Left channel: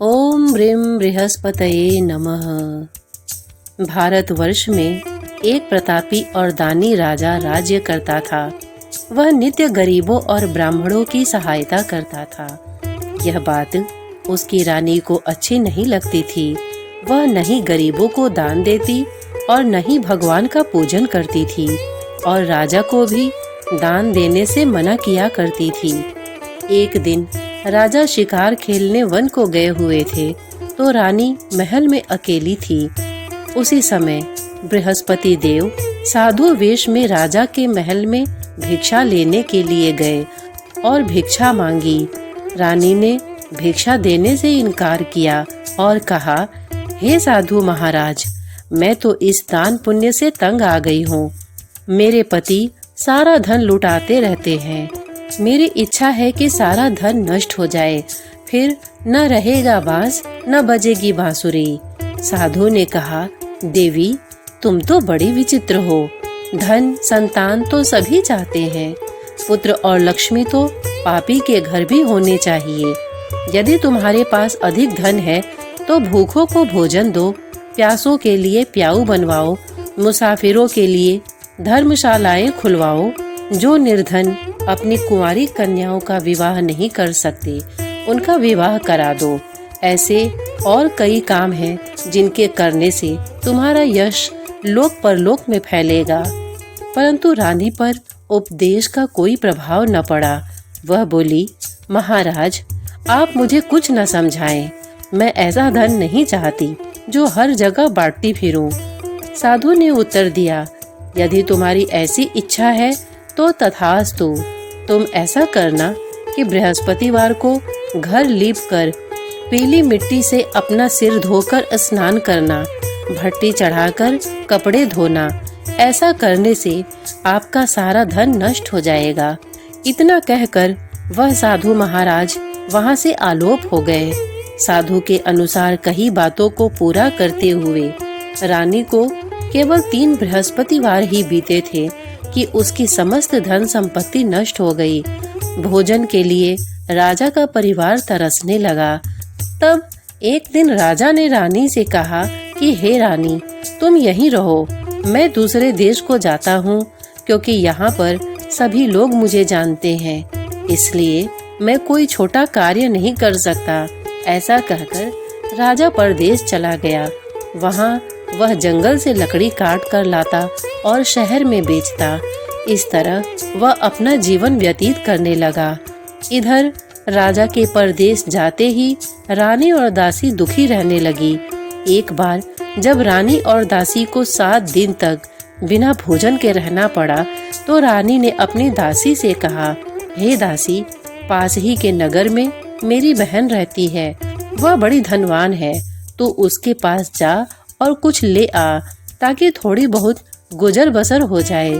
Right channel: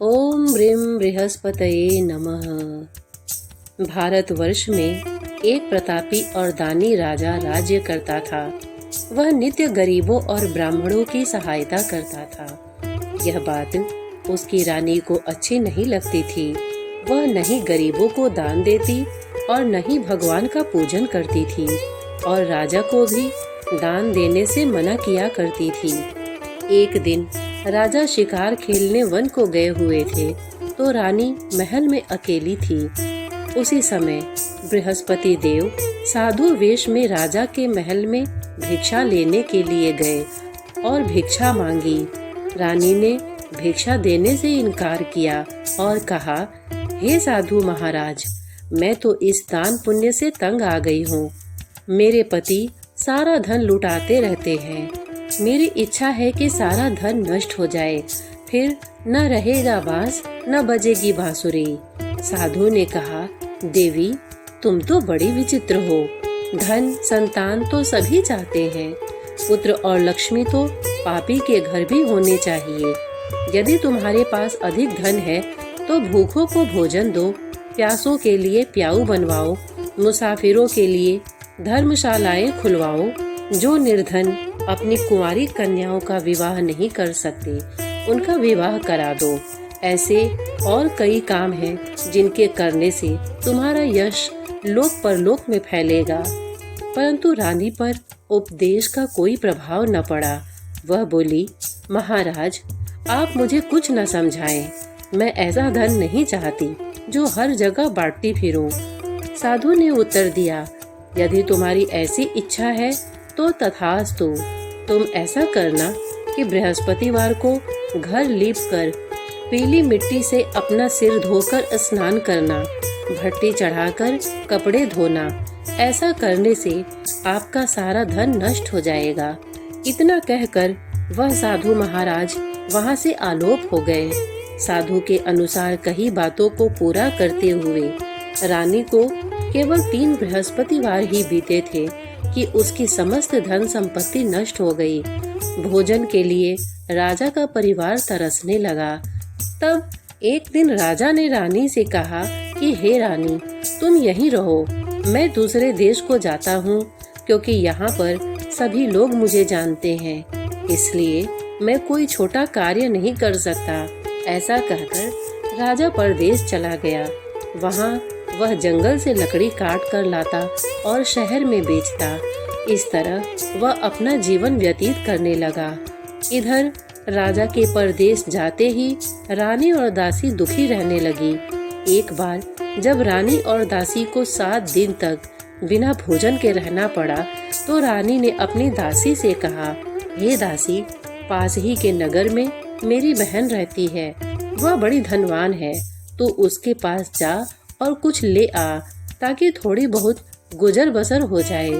ओम ह्रीं बृहस्पतये नमः। भारतवर्ष में एक प्रतापी और दानी राजा राज्य करता था। वह नित्य गरीबों और ब्राह्मणों की सहायता करता था। यह बात उसकी रानी को अच्छी नहीं लगती थी। वह न ही गरीबों को दान देती और न ही भगवान का पूजन करती थी और राजा को भी दान देने से मना किया करती थी। एक दिन राजा शिकार खेलने वन को गए हुए थे तो रानी महल में अकेली थी। उसी समय बृहस्पति देव साधु वेश में राजा के महल में भिक्षा लेने के लिए गए और भिक्षा मांगी। रानी ने भिक्षा देने से इनकार किया और कहा, हे साधु महाराज, मैं तो इस दान पुण्य से तंग आ गई हूँ। मेरे पति सारा धन लुटाते रहते हैं। मेरी इच्छा है कि सारा धन नष्ट हो जाए, फिर न रहेगा बांस न बजेगी बांसुरी। साधु ने कहा, देवी, तुम तो बड़ी विचित्र हो। धन संतान तो सभी चाहते हैं, पुत्र और लक्ष्मी तो पापी के घर भी होने चाहिए। यदि तुम्हारे पास अधिक धन है तो भूखों को भोजन दो, प्यासों के लिए प्याऊ बनवाओ, मुसाफिरों के लिए धर्मशालाएं खुलवाओ। जो निर्धन अपनी कुंवारी कन्याओं का विवाह नहीं कर सकते, उनका विवाह करा दो। ऐसे और कई काम हैं जिनके करने से तुम्हारा यश लोक परलोक में फैलेगा। परंतु रानी पर उपदेश का कोई प्रभाव न पड़ा। वह बोली, महाराज, आप मुझे कुछ न समझाएं। मैं ऐसा धन नहीं चाहती जो हर जगह बांटती फिरूं। साधु ने उत्तर दिया, यदि तुम्हारी ऐसी इच्छा है तो तथास्तु। तुम ऐसा करना कि बृहस्पतिवार को घर लीप कर पीली मिट्टी से अपना सिर धोकर स्नान करना, भट्टी चढ़ाकर कपड़े धोना। ऐसा करने से आपका सारा धन नष्ट हो जाएगा। इतना कहकर वह साधु महाराज वहां से आलोप हो गए। साधु के अनुसार कही बातों को पूरा करते हुए रानी को केवल 3 बृहस्पतिवार ही बीते थे कि उसकी समस्त धन संपत्ति नष्ट हो गई। भोजन के लिए राजा का परिवार तरसने लगा। तब एक दिन राजा ने रानी से कहा कि हे रानी, तुम यहीं रहो, मैं दूसरे देश को जाता हूँ, क्योंकि यहाँ पर सभी लोग मुझे जानते हैं, इसलिए मैं कोई छोटा कार्य नहीं कर सकता। ऐसा कहकर राजा परदेश चला गया। वहाँ वह जंगल से लकड़ी काट कर लाता और शहर में बेचता। इस तरह वह अपना जीवन व्यतीत करने लगा। इधर राजा के परदेश जाते ही रानी और दासी दुखी रहने लगी। एक बार जब रानी और दासी को 7 दिन तक बिना भोजन के रहना पड़ा तो रानी ने अपनी दासी से कहा, हे दासी, पास ही के नगर में मेरी बहन रहती है। वह बड़ी धनवान है, तो उसके पास जा और कुछ ले आ, ताकि थोड़ी बहुत गुजर बसर हो जाए।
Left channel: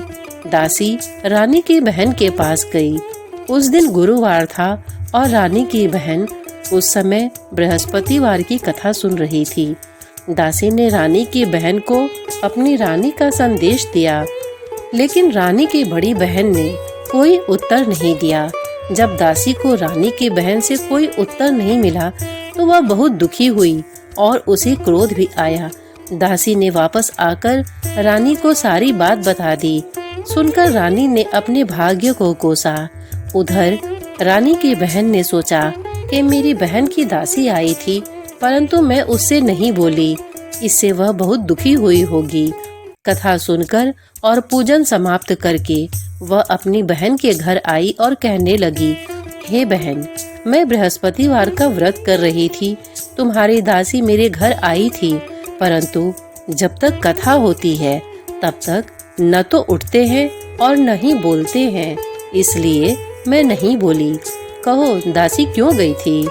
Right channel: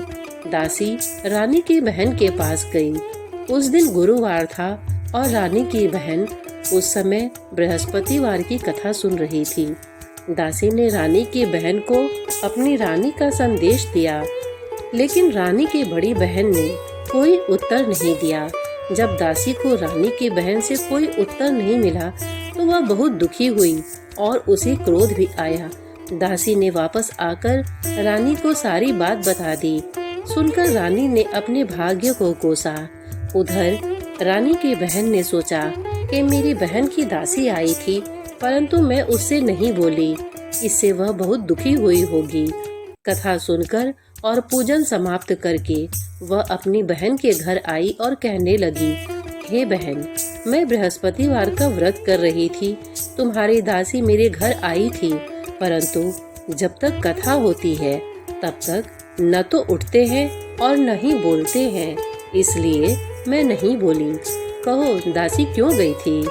दासी रानी की बहन के पास गई। उस दिन गुरुवार था और रानी की बहन उस समय बृहस्पतिवार की कथा सुन रही थी। दासी ने रानी की बहन को अपनी रानी का संदेश दिया, लेकिन रानी की बड़ी बहन ने कोई उत्तर नहीं दिया। जब दासी को रानी की बहन से कोई उत्तर नहीं मिला तो वह बहुत दुखी हुई और उसे क्रोध भी आया। दासी ने वापस आकर रानी को सारी बात बता दी। सुनकर रानी ने अपने भाग्य को कोसा। उधर रानी की बहन ने सोचा कि मेरी बहन की दासी आई थी, परंतु मैं उससे नहीं बोली, इससे वह बहुत दुखी हुई होगी। कथा सुनकर और पूजन समाप्त करके वह अपनी बहन के घर आई और कहने लगी, हे बहन, मैं बृहस्पतिवार का व्रत कर रही थी। तुम्हारी दासी मेरे घर आई थी, परंतु जब तक कथा होती है तब तक न तो उठते हैं और न ही बोलते हैं, इसलिए मैं नहीं बोली। कहो, दासी क्यों गई थी?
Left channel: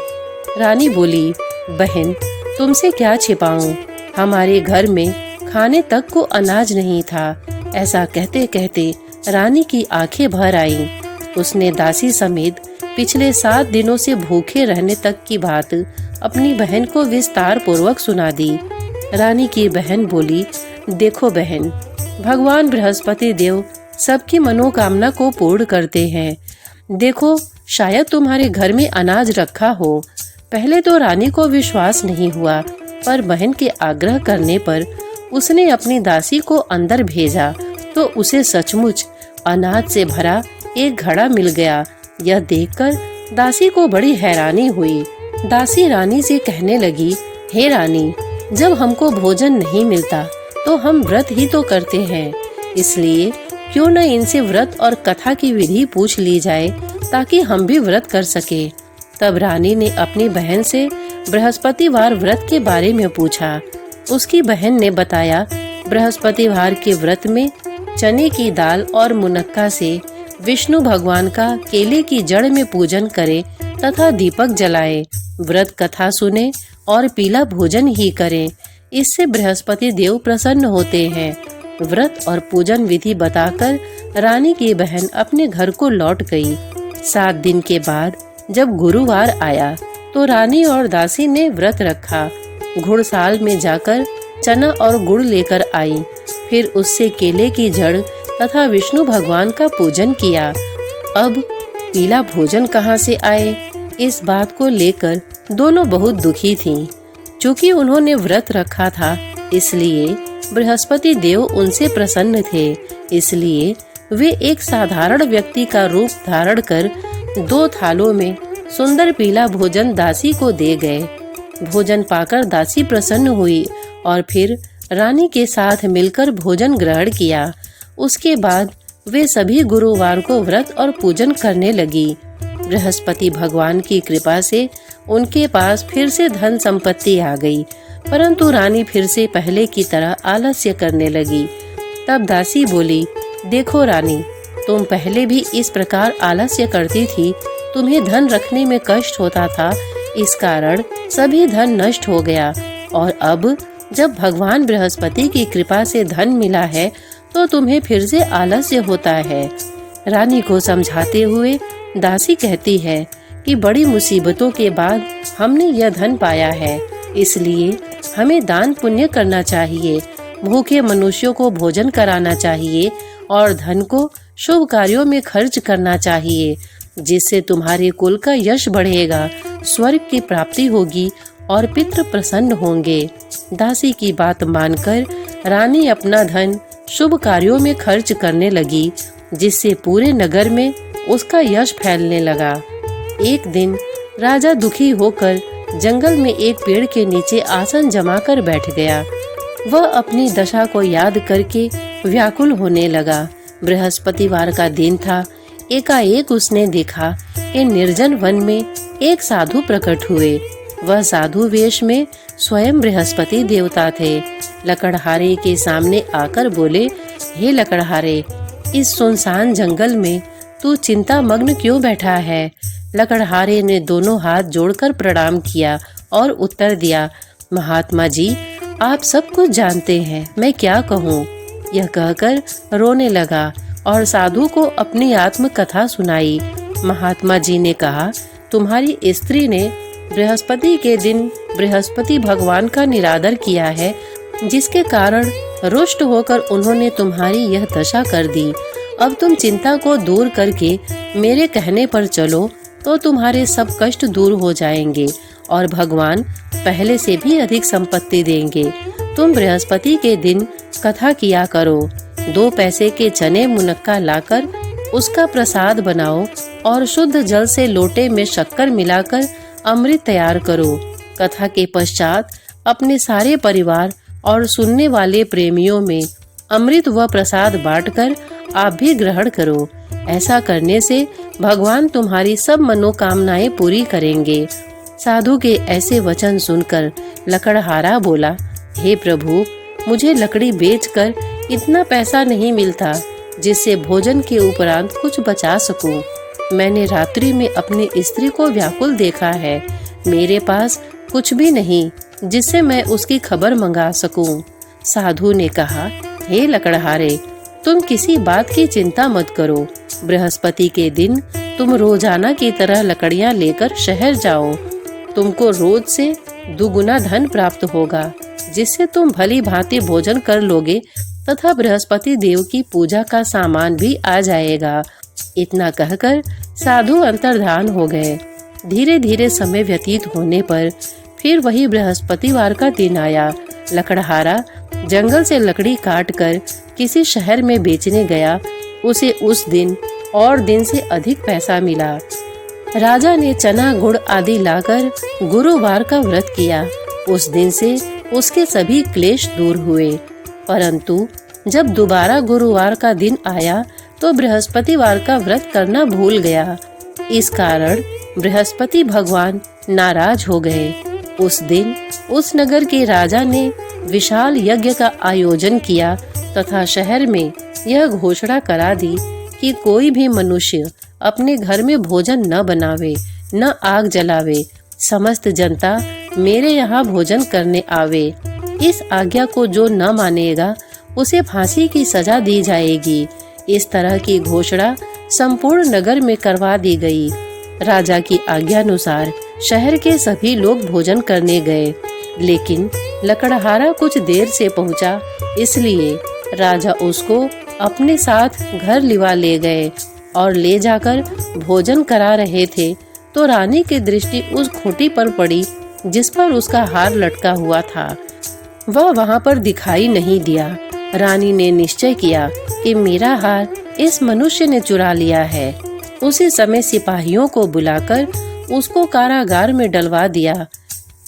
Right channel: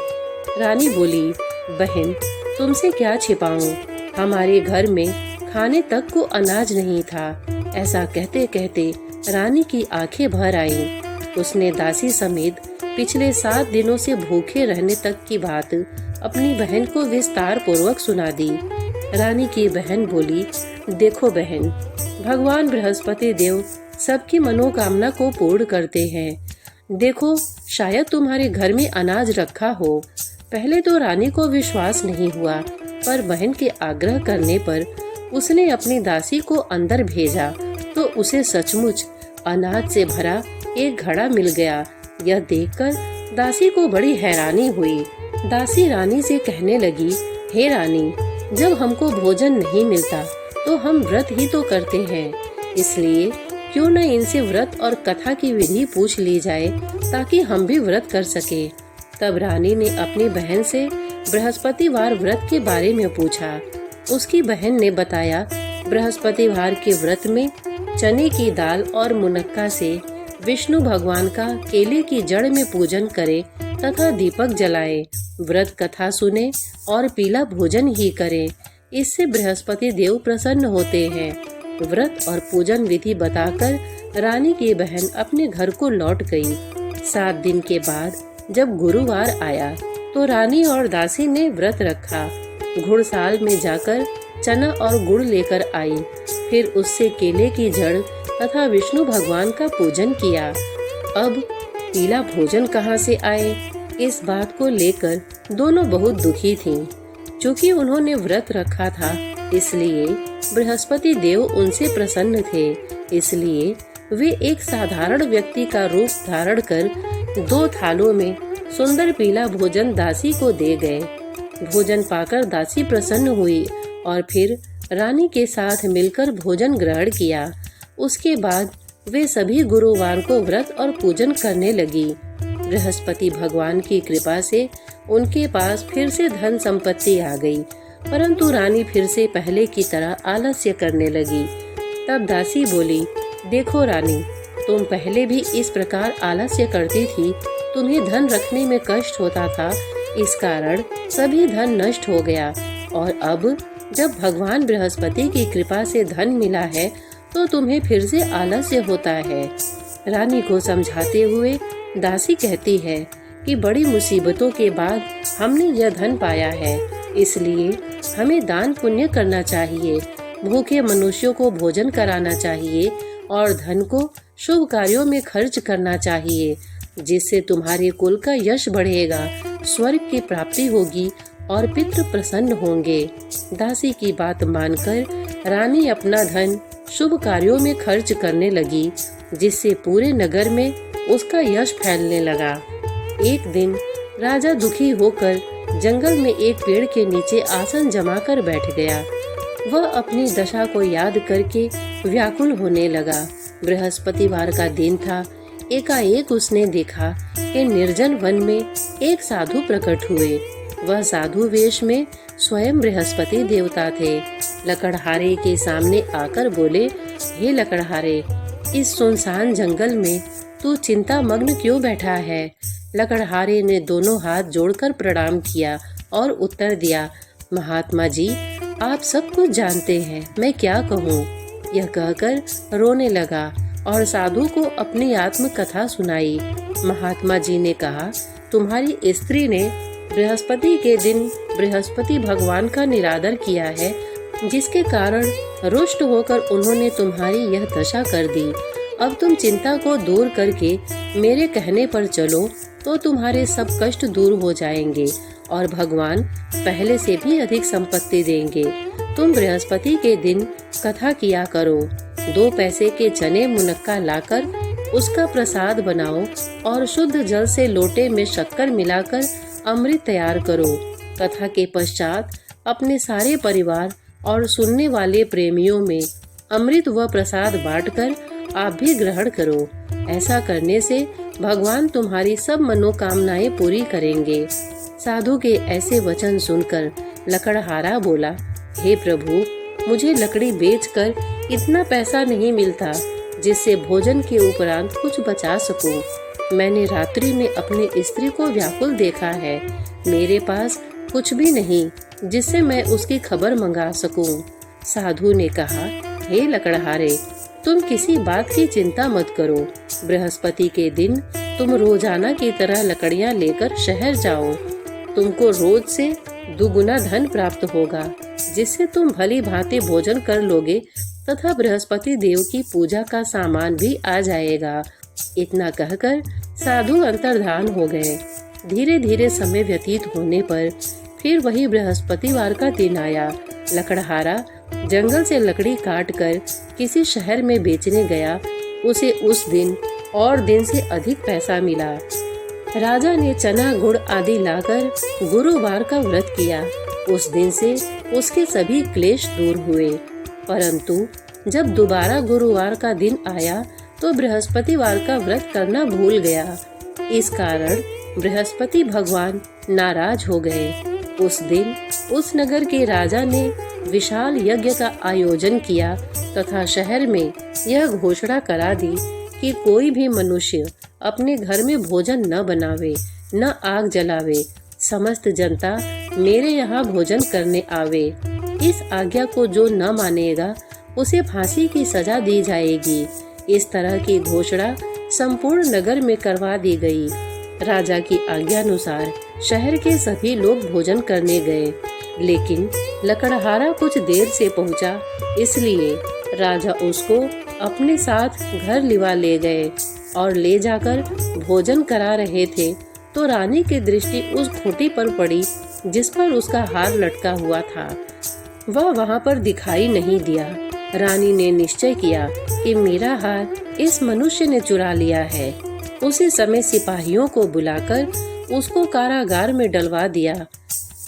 रानी बोली, बहन, तुमसे क्या छिपाऊं, हमारे घर में खाने तक को अनाज नहीं था। ऐसा कहते कहते रानी की आंखें भर आईं। उसने दासी समेत पिछले 7 दिनों से भूखे रहने तक की बात अपनी बहन को विस्तार पूर्वक सुना दी। रानी की बहन बोली, देखो बहन, भगवान बृहस्पति देव सबकी मनोकामना को पूर्ण करते हैं। देखो, शायद तुम्हारे घर में अनाज रखा हो। पहले तो रानी को विश्वास नहीं हुआ, पर बहन के आग्रह करने पर उसने अपनी दासी को अंदर भेजा तो उसे सचमुच अनाज से भरा एक घड़ा मिल गया। यह देखकर दासी को बड़ी हैरानी हुई। दासी रानी से कहने लगी, हे रानी, जब हमको भोजन नहीं मिलता तो हम व्रत ही तो करते हैं, इसलिए क्यों न इनसे व्रत और कथा की विधि पूछ ली जाए ताकि हम भी व्रत कर सके। तब रानी ने अपनी बहन से बृहस्पतिवार व्रत के बारे में पूछा। उसकी बहन ने बताया, बृहस्पतिवार के व्रत में चने की दाल और मुनक्का से विष्णु भगवान का केले की जड़ में पूजन करे तथा दीपक जलाए, व्रत कथा सुने और पीला भोजन ही करें। इससे बृहस्पति देव प्रसन्न होते हैं। व्रत और पूजन विधि बताकर रानी की बहन अपने घर को लौट गई। 7 दिन के बाद जब गुरुवार आया तो रानी और दासी ने व्रत रखा। घुड़साल में जाकर चना और गुड़ लेकर आई, फिर उससे केले की जड़ तथा विष्णु भगवान का पूजन किया। अब पीला भोजन कहाँ से आए, इस बात को लेकर दोनों बहुत दुखी थीं। चूँकि उन्होंने व्रत रखा था, इसलिए बृहस्पति देव उनसे प्रसन्न थे। इसलिए वे एक साधारण व्यक्ति का रूप धारण कर 2 थालों में सुंदर पीला भोजन दासी को दे गए। भोजन पाकर दासी प्रसन्न हुई और फिर रानी के साथ मिलकर भोजन ग्रहण किया। उसके बाद वे सभी गुरुवार को व्रत और पूजन करने लगी। बृहस्पति भगवान की कृपा से उनके पास फिर से धन संपत्ति आ गई, परंतु रानी फिर से पहले की तरह आलस्य करने लगी। तब दासी बोली, देखो रानी, तुम पहले भी इस प्रकार आलस्य करती थी, तुम्हें धन रखने में कष्ट होता था, इस कारण सभी धन नष्ट हो गया, और अब जब भगवान बृहस्पति की कृपा से धन मिला है तो तुम्हें फिर से आलस्य होता है। रानी को समझाते हुए दासी कहती है कि बड़ी मुसीबतों के बाद हमने यह धन पाया है, इसलिए हमें दान पुण्य करना चाहिए, भूखे मनुष्यों को भोजन कराना चाहिए और धन को शुभ कार्यों में खर्च करना चाहिए, जिससे तुम्हारे कुल का यश बढ़ेगा, स्वर्ग की प्राप्ति होगी और पितृ प्रसन्न होंगे। दासी की बात मानकर रानी अपना धन शुभ कार्यों में खर्च करने लगी, जिससे पूरे नगर में उसका यश फैलने लगा। एक दिन राजा दुखी होकर जंगल में एक पेड़ के नीचे आसन जमाकर बैठ गया। वह अपनी दशा को याद करके व्याकुल होने लगा। बृहस्पतिवार का दिन था। एकाएक उसने देखा कि निर्जन वन में एक साधु प्रकट हुए। वह साधु वेश में स्वयं बृहस्पति देवता थे। लकड़हारे के सामने आकर बोले, हे लकड़हारे, इस सुनसान जंगल में तू चिंता मग्न क्यों बैठा है? लकड़हारे ने दोनों हाथ जोड़कर प्रणाम किया और उत्तर दिया, महात्मा जी, आप सब कुछ जानते हैं, मैं क्या कहूँ। यह कहकर रोने लगा और साधु को अपनी आत्म कथा सुनाई। महात्मा जी ने कहा, तुम्हारी स्त्री ने बृहस्पति के दिन बृहस्पति भगवान का निरादर किया है, जिसके कारण रुष्ट होकर उन्होंने तुम्हारी यह दशा कर दी। अब तुम चिंता को दूर करके मेरे कहने पर चलो तो तुम्हारे सब कष्ट दूर हो जाएंगे और भगवान पहले से भी अधिक संपत्ति देंगे। तुम बृहस्पति के दिन कथा किया करो। 2 पैसे के चने मुनक्का लाकर उसका प्रसाद बनाओ और शुद्ध जल से लोटे में शक्कर मिलाकर अमृत तैयार करो। कथा के पश्चात अपने सारे परिवार और सुनने वाले प्रेमियों में अमृत व प्रसाद बांटकर आप भी ग्रहण करो। ऐसा करने से भगवान तुम्हारी सब मनोकामनाएं पूरी करेंगे। साधु के ऐसे वचन सुनकर लकड़हारा बोला, हे प्रभु, मुझे लकड़ी बेचकर इतना पैसा नहीं मिलता जिससे भोजन के उपरांत कुछ बचा सकूं। मैंने रात्रि में अपनी स्त्री को व्याकुल देखा है। मेरे पास कुछ भी नहीं जिससे मैं उसकी खबर मंगा सकूं। साधु ने कहा, हे लकड़हारे, तुम किसी बात की चिंता मत करो। बृहस्पति के दिन तुम रोजाना की तरह लकड़ियां लेकर शहर जाओ। तुमको रोज से दुगुना धन प्राप्त होगा, जिससे तुम भली भांति भोजन कर लोगे तथा बृहस्पति देव की पूजा का सामान भी आ जाएगा। इतना कहकर साधु अंतर्धान हो गए। धीरे धीरे समय व्यतीत होने पर फिर वही बृहस्पतिवार का दिन आया। लकड़हारा जंगल से लकड़ी काट कर किसी शहर में बेचने गया। उसे उस दिन और दिन से अधिक पैसा मिला। राजा ने चना गुड़ आदि लाकर गुरुवार का व्रत किया। उस दिन से उसके सभी क्लेश दूर हुए। परंतु जब दोबारा गुरुवार का दिन आया तो बृहस्पतिवार का व्रत करना भूल गया। इस कारण बृहस्पति भगवान नाराज हो गए। उस दिन उस नगर के राजा ने विशाल यज्ञ का आयोजन किया तथा शहर में यह घोषणा करा दी कि कोई भी मनुष्य अपने घर में भोजन न बनावे, न आग जलावे। समस्त जनता मेरे यहाँ भोजन करने आवे। इस आज्ञा को जो न मानेगा उसे फांसी की सजा दी जाएगी। इस तरह की घोषणा संपूर्ण नगर में करवा दी गई। राजा की आज्ञानुसार शहर के सभी लोग भोजन करने गए, लेकिन लकड़हारा कुछ देर से पहुंचा, इसलिए राजा उसको अपने साथ घर लिवा ले गए और ले जाकर भोजन करा रहे थे तो रानी की दृष्टि उस खूंटी पर पड़ी जिस पर उसका हार लटका हुआ था। वह वहां पर दिखाई नहीं दिया। रानी ने निश्चय किया कि मेरा हार इस मनुष्य ने चुरा लिया है। उसी समय सिपाहियों को बुलाकर उसको कारागार में डलवा दिया।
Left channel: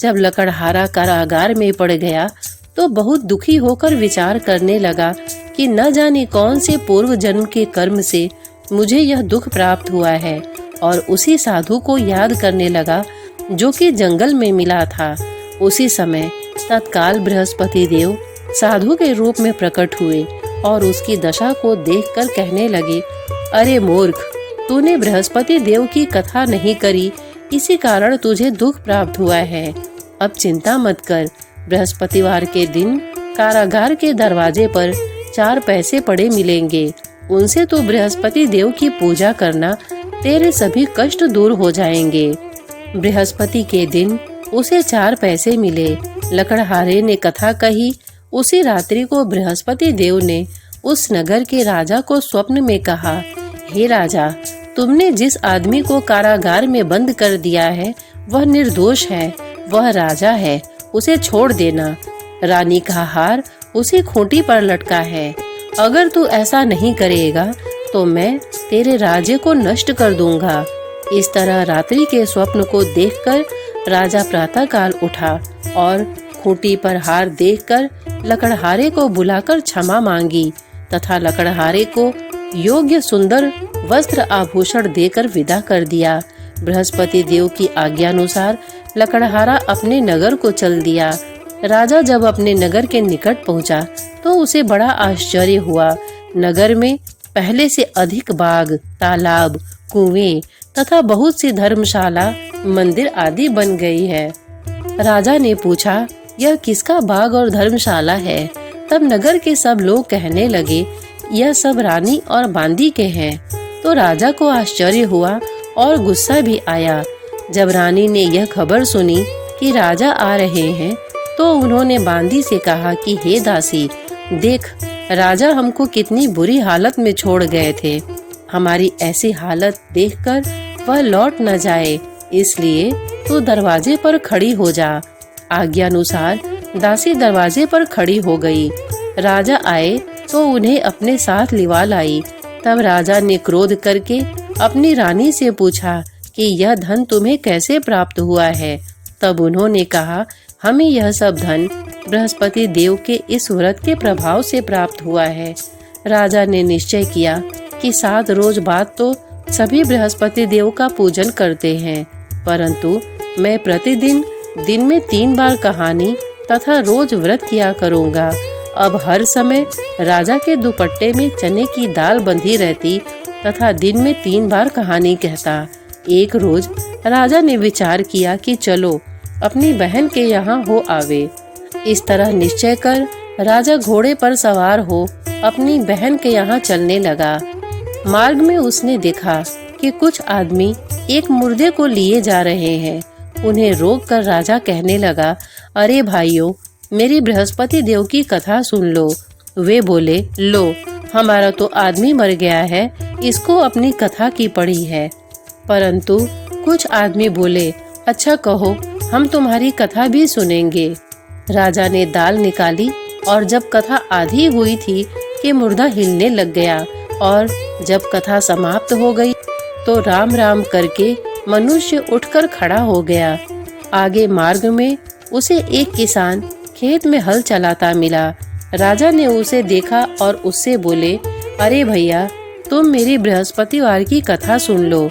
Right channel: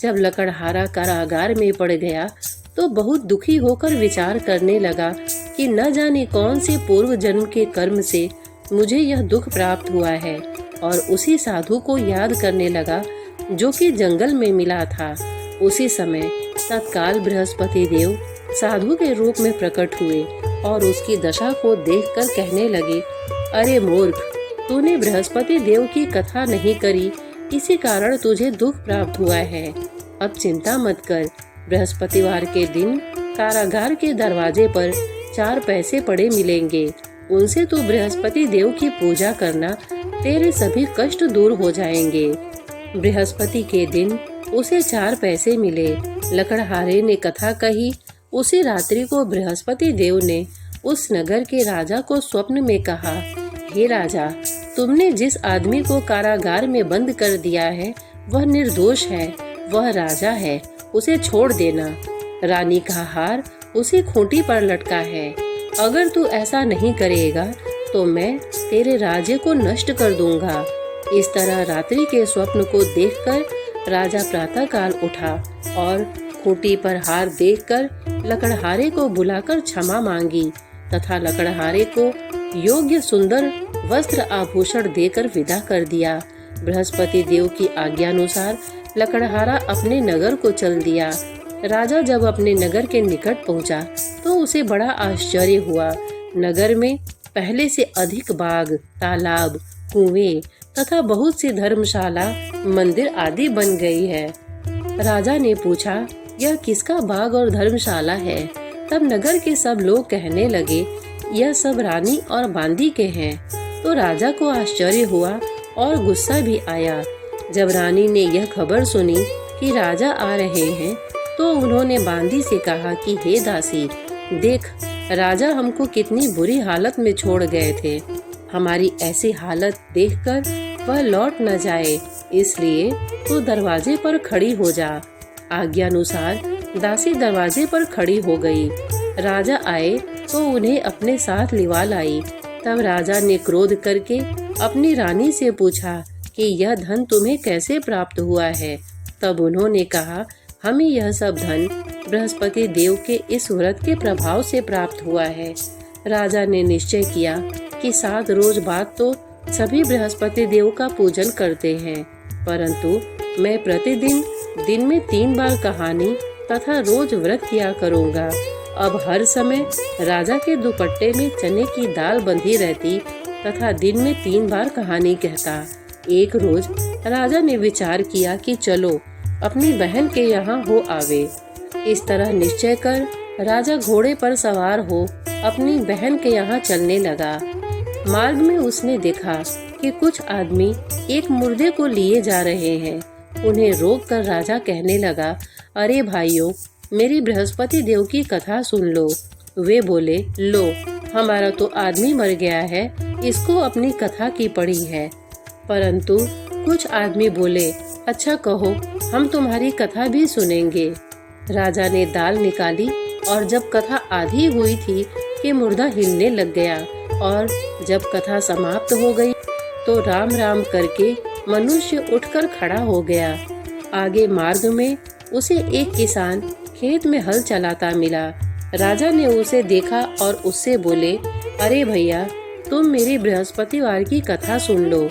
जब लकड़हारा कारागार में पड़ गया तो बहुत दुखी होकर विचार करने लगा कि न जाने कौन से पूर्व जन्म के कर्म से मुझे यह दुख प्राप्त हुआ है, और उसी साधु को याद करने लगा जो कि जंगल में मिला था। उसी समय तत्काल बृहस्पति देव साधु के रूप में प्रकट हुए और उसकी दशा को देखकर कहने लगे, अरे मूर्ख, तूने बृहस्पति देव की कथा नहीं करी, इसी कारण तुझे दुख प्राप्त हुआ है। अब चिंता मत कर। बृहस्पतिवार के दिन कारागार के दरवाजे पर 4 पैसे पड़े मिलेंगे। उनसे तो बृहस्पति देव की पूजा करना, तेरे सभी कष्ट दूर हो जाएंगे। बृहस्पति के दिन उसे 4 पैसे मिले। लकड़हारे ने कथा कही। उसी रात्रि को बृहस्पति देव ने उस नगर के राजा को स्वप्न में कहा, हे राजा, तुमने जिस आदमी को कारागार में बंद कर दिया है वह निर्दोष है, वह राजा है, उसे छोड़ देना। रानी का हार उसी खूंटी पर लटका है। अगर तू ऐसा नहीं करेगा तो मैं तेरे राज्य को नष्ट कर दूंगा। इस तरह रात्रि के स्वप्न को देखकर राजा प्रातःकाल उठा और खूंटी पर हार देखकर लकड़हारे को बुलाकर क्षमा मांगी तथा लकड़हारे को योग्य सुंदर वस्त्र आभूषण देकर विदा कर दिया। बृहस्पति देव की आज्ञानुसार लकड़हारा अपने नगर को चल दिया। राजा जब अपने नगर के निकट पहुंचा तो उसे बड़ा आश्चर्य हुआ। नगर में पहले से अधिक बाग, तालाब, कुएं तथा बहुत सी धर्मशाला, मंदिर आदि बन गई है। राजा ने पूछा, यह किसका बाग और धर्मशाला है? तब नगर के सब लोग कहने लगे, यह सब रानी और बांदी के हैं। तो राजा को आश्चर्य हुआ और गुस्सा भी आया। जब रानी ने यह खबर सुनी कि राजा आ रहे हैं तो उन्होंने बांदी से कहा कि हे दासी, देख, राजा हमको कितनी बुरी हालत में छोड़ गए थे। हमारी ऐसी हालत देखकर वह लौट न जाए, इसलिए तू दरवाजे पर खड़ी हो जा। आज्ञानुसार दासी दरवाजे पर खड़ी हो गई। राजा आए तो उन्हें अपने साथ लिवा लाई। तब राजा ने क्रोध करके अपनी रानी से पूछा कि यह धन तुम्हें कैसे प्राप्त हुआ है? तब उन्होंने कहा, हमें यह सब धन बृहस्पति देव के इस व्रत के प्रभाव से प्राप्त हुआ है। राजा ने निश्चय किया कि 7 रोज बाद तो सभी बृहस्पति देव का पूजन करते हैं, परंतु मैं प्रतिदिन दिन में 3 बार कहानी तथा रोज व्रत किया करूँगा। अब हर समय राजा के दुपट्टे में चने की दाल बंधी रहती तथा दिन में 3 बार कहानी कहता। एक रोज राजा ने विचार किया कि चलो अपनी बहन के यहाँ हो आवे। इस तरह निश्चय कर राजा घोड़े पर सवार हो अपनी बहन के यहाँ चलने लगा। मार्ग में उसने देखा कि कुछ आदमी एक मुर्दे को लिए जा रहे हैं। उन्हें रोककर राजा कहने लगा, अरे भाइयों, मेरी बृहस्पति देव की कथा सुन लो। वे बोले, लो, हमारा तो आदमी मर गया है, इसको अपनी कथा की पड़ी है। परंतु कुछ आदमी बोले, अच्छा कहो, हम तुम्हारी कथा भी सुनेंगे। राजा ने दाल निकाली और जब कथा आधी हुई थी कि मुर्दा हिलने लग गया, और जब कथा समाप्त हो गई तो राम राम करके मनुष्य उठकर खड़ा हो गया। आगे मार्ग में उसे एक किसान खेत में हल चलाता मिला। राजा ने उसे देखा और उससे बोले, अरे भैया, तुम मेरी बृहस्पतिवार की कथा सुन लो।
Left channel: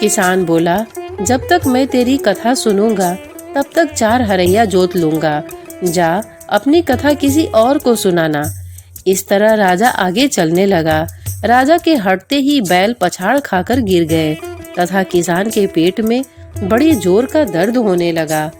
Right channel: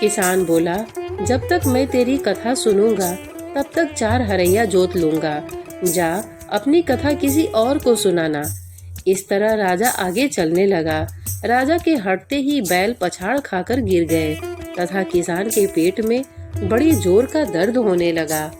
किसान बोला, जब तक मैं तेरी कथा सुनूंगा तब तक 4 हरैया जोत लूंगा। जा अपनी कथा किसी और को सुनाना। इस तरह राजा आगे चलने लगा। राजा के हटते ही बैल पछाड़ खाकर गिर गए तथा किसान के पेट में बड़ी जोर का दर्द होने लगा।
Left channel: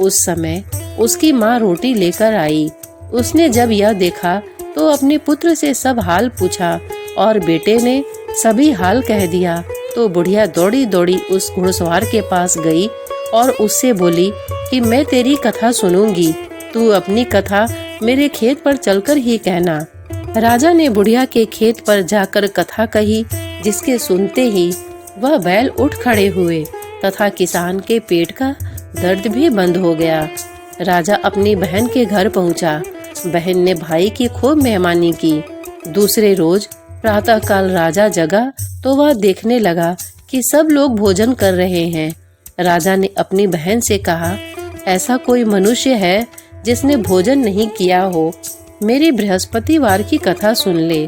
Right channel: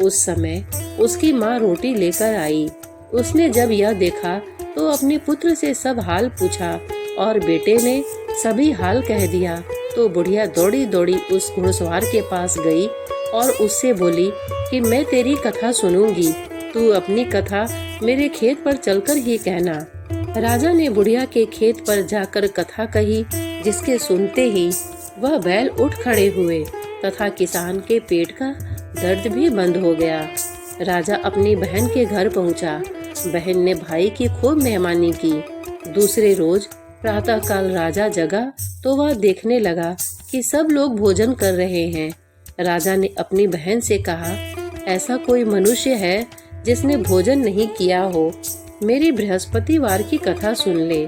उस समय उसकी माँ रोटी लेकर आई। उसने जब यह देखा तो अपने पुत्र से सब हाल पूछा और बेटे ने सभी हाल कह दिया। तो बुढ़िया दौड़ी दौड़ी उस घुड़सवार के पास गई और उससे बोली कि मैं तेरी कथा सुनूंगी, तू अपनी कथा मेरे खेत पर चलकर ही कहना। राजा ने बुढ़िया के खेत पर जाकर कथा कही, जिसके सुनते ही वह बैल उठ खड़े हुए तथा किसान के पेट का दर्द भी बंद हो गया। राजा अपनी बहन के घर पहुंचा। बहन ने भाई की खूब मेहमानी की। दूसरे रोज प्रातःकाल राजा जगा तो वह देखने लगा कि सब लोग भोजन कर रहे हैं। राजा ने अपनी बहन से कहा, ऐसा कोई मनुष्य है जिसने भोजन नहीं किया हो? मेरी बृहस्पतिवार की कथा सुन ले।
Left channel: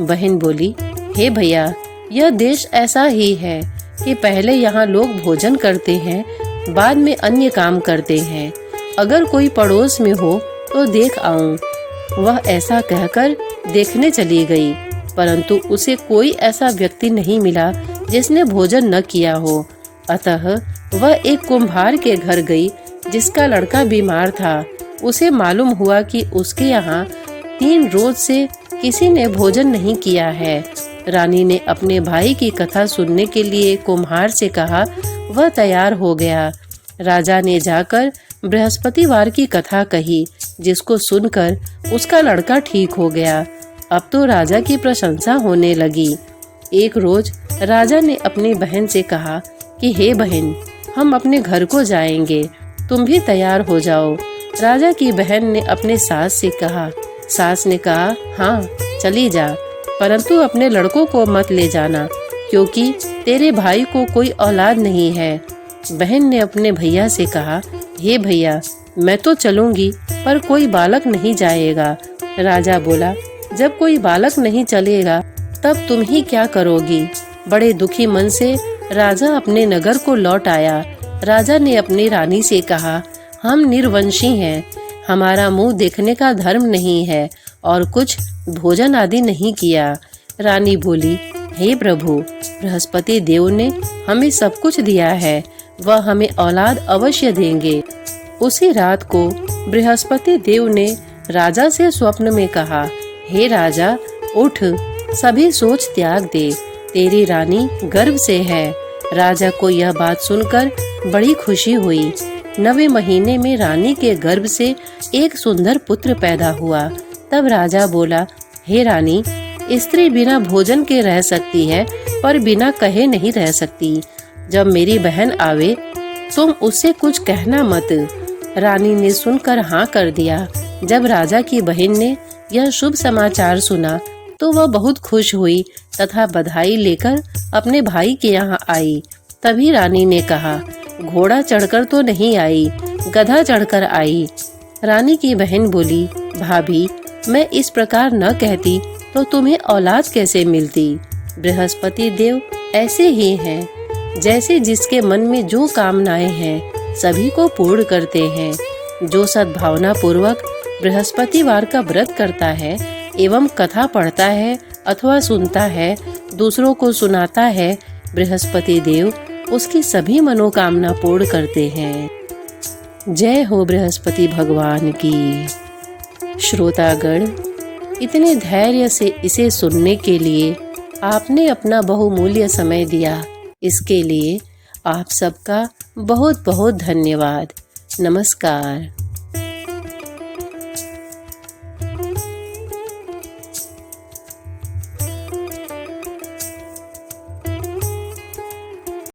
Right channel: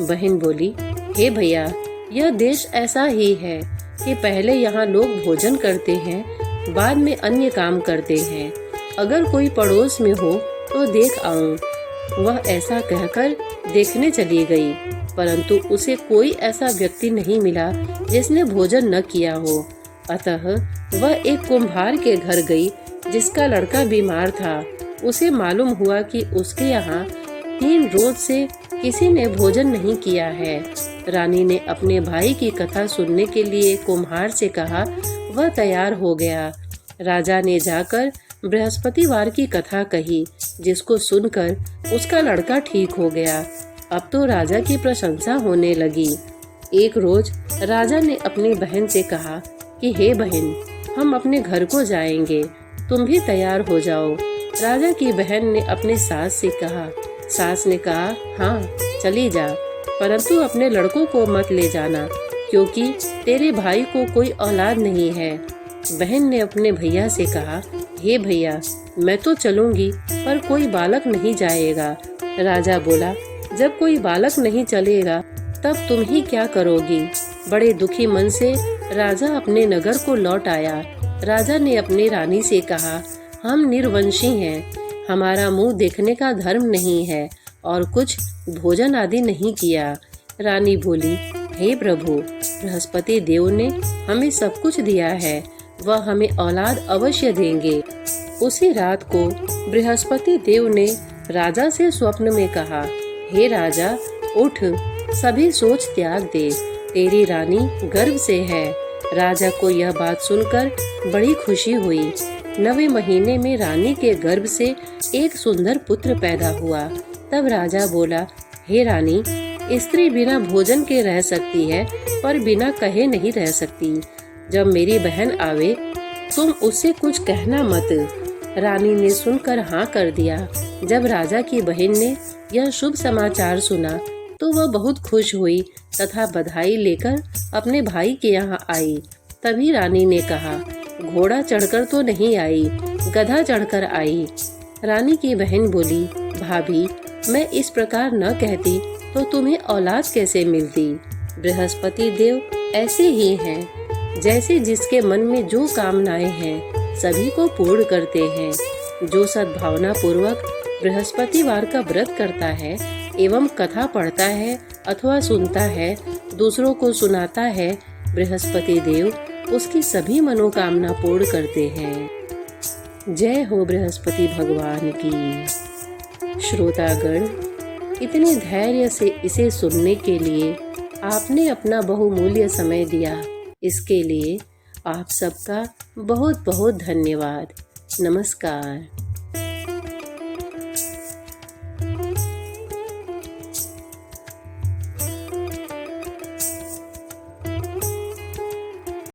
बहन बोली, हे भैया, यह देश ऐसा ही है कि पहले यहाँ लोग भोजन करते हैं, बाद में अन्य काम करते हैं। अगर कोई पड़ोस में हो तो देख आऊं। वह ऐसा कहकर देखने चली गई, परंतु उसे कोई ऐसा व्यक्ति नहीं मिला जिसने भोजन न किया हो। अतः वह एक कुम्हार के घर गई जिसका लड़का बीमार था। उसे मालूम हुआ कि उसके यहाँ 3 रोज से किसी ने भोजन नहीं किया है। रानी ने अपने भाई की कथा सुनने के लिए कुम्हार से कहा। वह तैयार हो गया। राजा ने जाकर बृहस्पतिवार की कथा कही, जिसको सुनकर उसका लड़का ठीक हो गया। अब तो राजा की प्रशंसा होने लगी। एक रोज राजा ने अपनी बहन से कहा कि हे बहन, हम अपने घर को जाएंगे, तुम भी तैयार हो जाओ। राजा की बहन ने अपने सास से कहा। सास ने कहा, हाँ चली जा, परंतु अपने लड़कों को मत ले जाना, क्योंकि तेरे भाई को कोई औलाद नहीं है। बहन ने अपने भैया से कहा, हे भैया, मैं तो चलूंगी पर कोई बालक नहीं जाएगा। राजा बोला, जब कोई बालक नहीं चलेगा तब तुम ही क्या करोगी? बड़े दुखी मन से राजा अपने नगर को लौट आया। राजा ने अपनी रानी से कहा, हम निर्वंशी हैं, हमारा मुंह देखने का धर्म नहीं है और कुछ भोजन आदि नहीं किया। रानी बोली, हे प्रभु, बृहस्पति देव ने हमें सब कुछ दिया है, वह हमें औलाद अवश्य देंगे। उसी रात को बृहस्पति देव ने राजा से स्वप्न में कहा, हे राजा, उठ, सभी सोच त्याग दे, तेरी रानी गर्भ से है। राजा को यह बात सुनकर बड़ी खुशी हुई। 9वें महीने में रानी के गर्भ से एक सुंदर पुत्र पैदा हुआ। तब राजा बोला, हे रानी, स्त्री बिना भोजन के रह सकती है पर बिना कहे नहीं रह सकती। जब मेरी बहन आवे तुम उससे कुछ कहना मत। रानी ने सुनकर हाँ कर दिया। जब राजा की बहन ने यह शुभ समाचार सुना तो वह बहुत खुश हुई तथा बधाई लेकर अपने भाई के यहाँ आई। तभी रानी ने कहा, घोड़ा चढ़कर तो नहीं आई, गधा चढ़कर आई। रानी की बहन बोली, भाभी, मैं इस प्रकार न कहती तो तुम्हें औलाद कैसे मिलती? बृहस्पति देव ऐसे ही हैं, जैसे जिसके मन में जो कामनाएं हैं सभी को पूर्ण करते हैं। जो सद्भावना पूर्वक बृहस्पतिवार का व्रत करता है एवं कथा पढ़ता है अथवा सुनता है, दूसरों को सुनाता है, बृहस्पति देव उसकी सभी मनोकामना पूर्ण करते हैं। जय हो बृहस्पति भगवान की। श्रोतागण, इतने धैर्य से इसे सुनने के लिए आपने अपना बहुमूल्य समय दिया, इसके लिए आप सबका बहुत बहुत धन्यवाद। नमस्कार।